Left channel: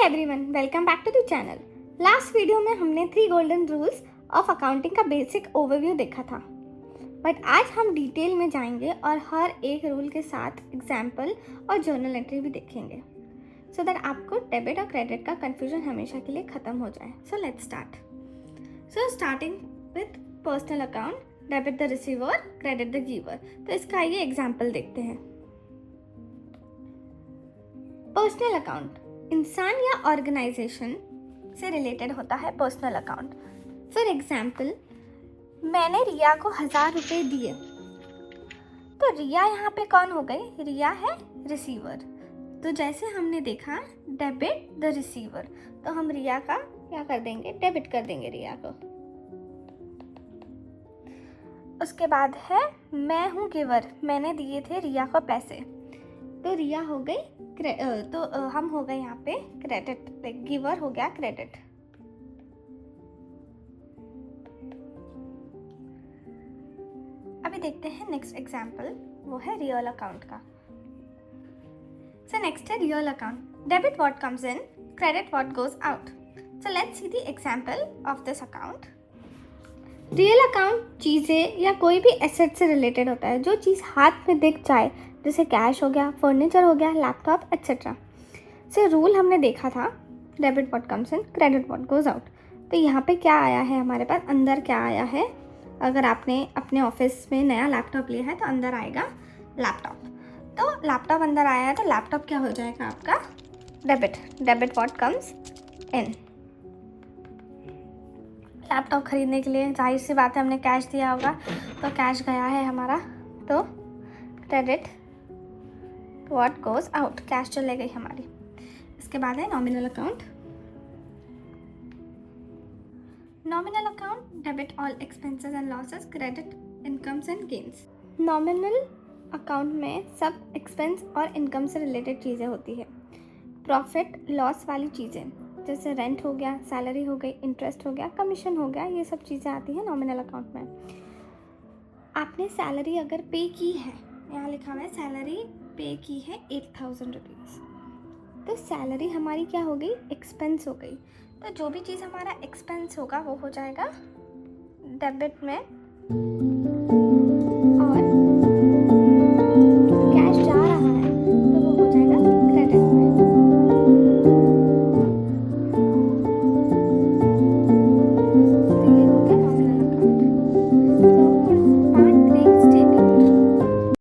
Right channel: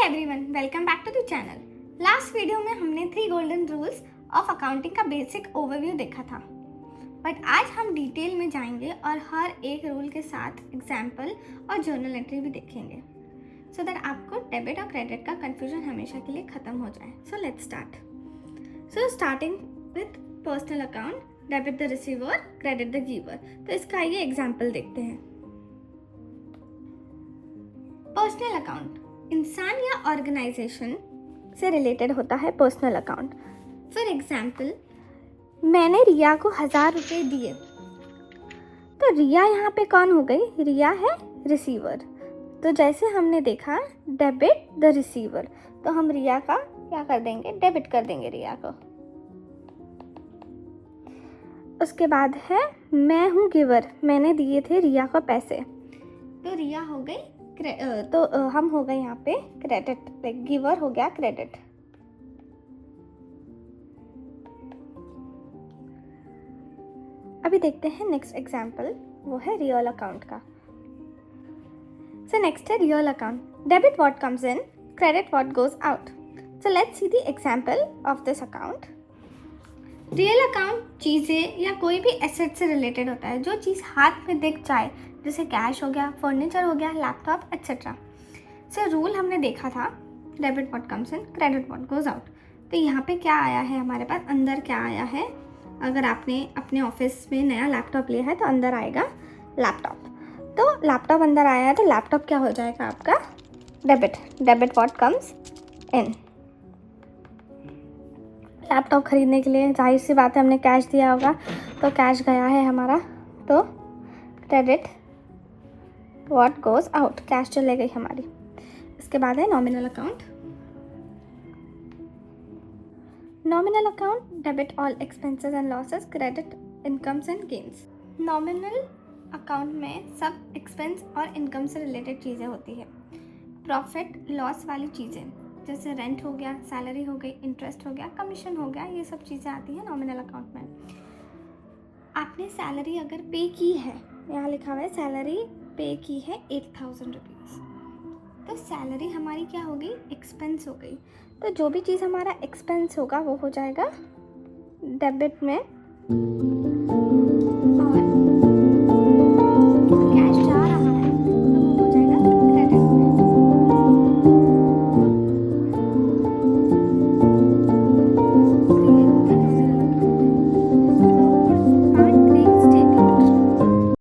Everyone, welcome back to the channel. Last video में हमने 3 golden rules of accounting का basic overview देखा था, बट आज हम डिटेल में जाएंगे और हर एक रूल के साथ एग्जाम्पल और जर्नल एंट्री भी देखेंगे सो दैट आपको डेबिट और क्रेडिट का कंफ्यूजन हमेशा के लिए ख़त्म हो जाए। So let's start. So starting with personal account, debit the receiver, credit the giver. तो इसका ये एग्जाम्पल देखते हैं। पर्सनल अकाउंट इंसान या ऑर्गेनाइजेशन से रिलेटेड होता है। पर्सनल अकाउंट फॉर एग्जाम्पल, मैंने रिया को 1000 रुपये दिए, तो रिया यहाँ पे कौन हो गई? रिया है रिसीवर। तो जैसे हमने देखा डेबिट द रिसीवर, तो हम रिया का क्या कर देंगे? डेबिट कर देंगे रिया को। उसके बाद है मैं हूँ गिवर, मैंने दिए थे रिया को पैसे, तो रिया हो गई तो हम हो गए यहाँ पे क्रेडिट, लाइक गिवर हो गया क्रेडिट। अभी देखते हैं नेक्स्ट एग्जाम्पल, वो है रियल अकाउंट का। सो नेक्स्ट है real account, debit what comes in, credit what goes out. So let's see the example of this account. Real account चीज़ें या कोई भी एसेट से रिलेटेड होता है, जो चीज़ हाथ में दिख जाए, जैसे कैश हो गया, फर्नीचर हो गया, लैपटॉप एक्सेट्रा। सो रूल हमने देखा था debit what comes in, credit what goes out. तो यहाँ पे क्या आया है हमारे पास? अंदर क्या आया है? अगर आपने अपने ऑफिस में नया लैपटॉप लिया है तो अंदर आएगा लैपटॉप। तो लैपटॉप अंदर आया है तो लैपटॉप क्या हो जाएगा आपका? Debit. Debit what comes in. Laptop खरीदने के लिए जाहिर सी बात है हमने कैश दिया होगा, तो कैश गया है हमारा, तो credit what goes out, cash चले गई हमारी। इसके बाद है nominal account. Nominal account debit all expenses and losses, credit incomes and gains. Nominal account में सब एक्सपेंस और इनकम से रिलेटेड चीज़ें होती है। प्रॉफिट लॉस वाली चीज़ें जैसे रेंट हो गया, सैलरी हो गई, इंटरेस्ट हो गया, कमीशन हो गया, ये सब चीज़ें आती हैं नॉमिनल अकाउंट में। आपने सैलरी अगर पे की है, यहाँ लिखा हुआ है सैलरी पे की है 8000 रुपीज़, तो सैलरी हमारी क्या हो गई? एक्सपेंस हो गई। तो जो भी चीज़ हमारा एक्सपेंस होगा वो हो जाएगा डेबिट में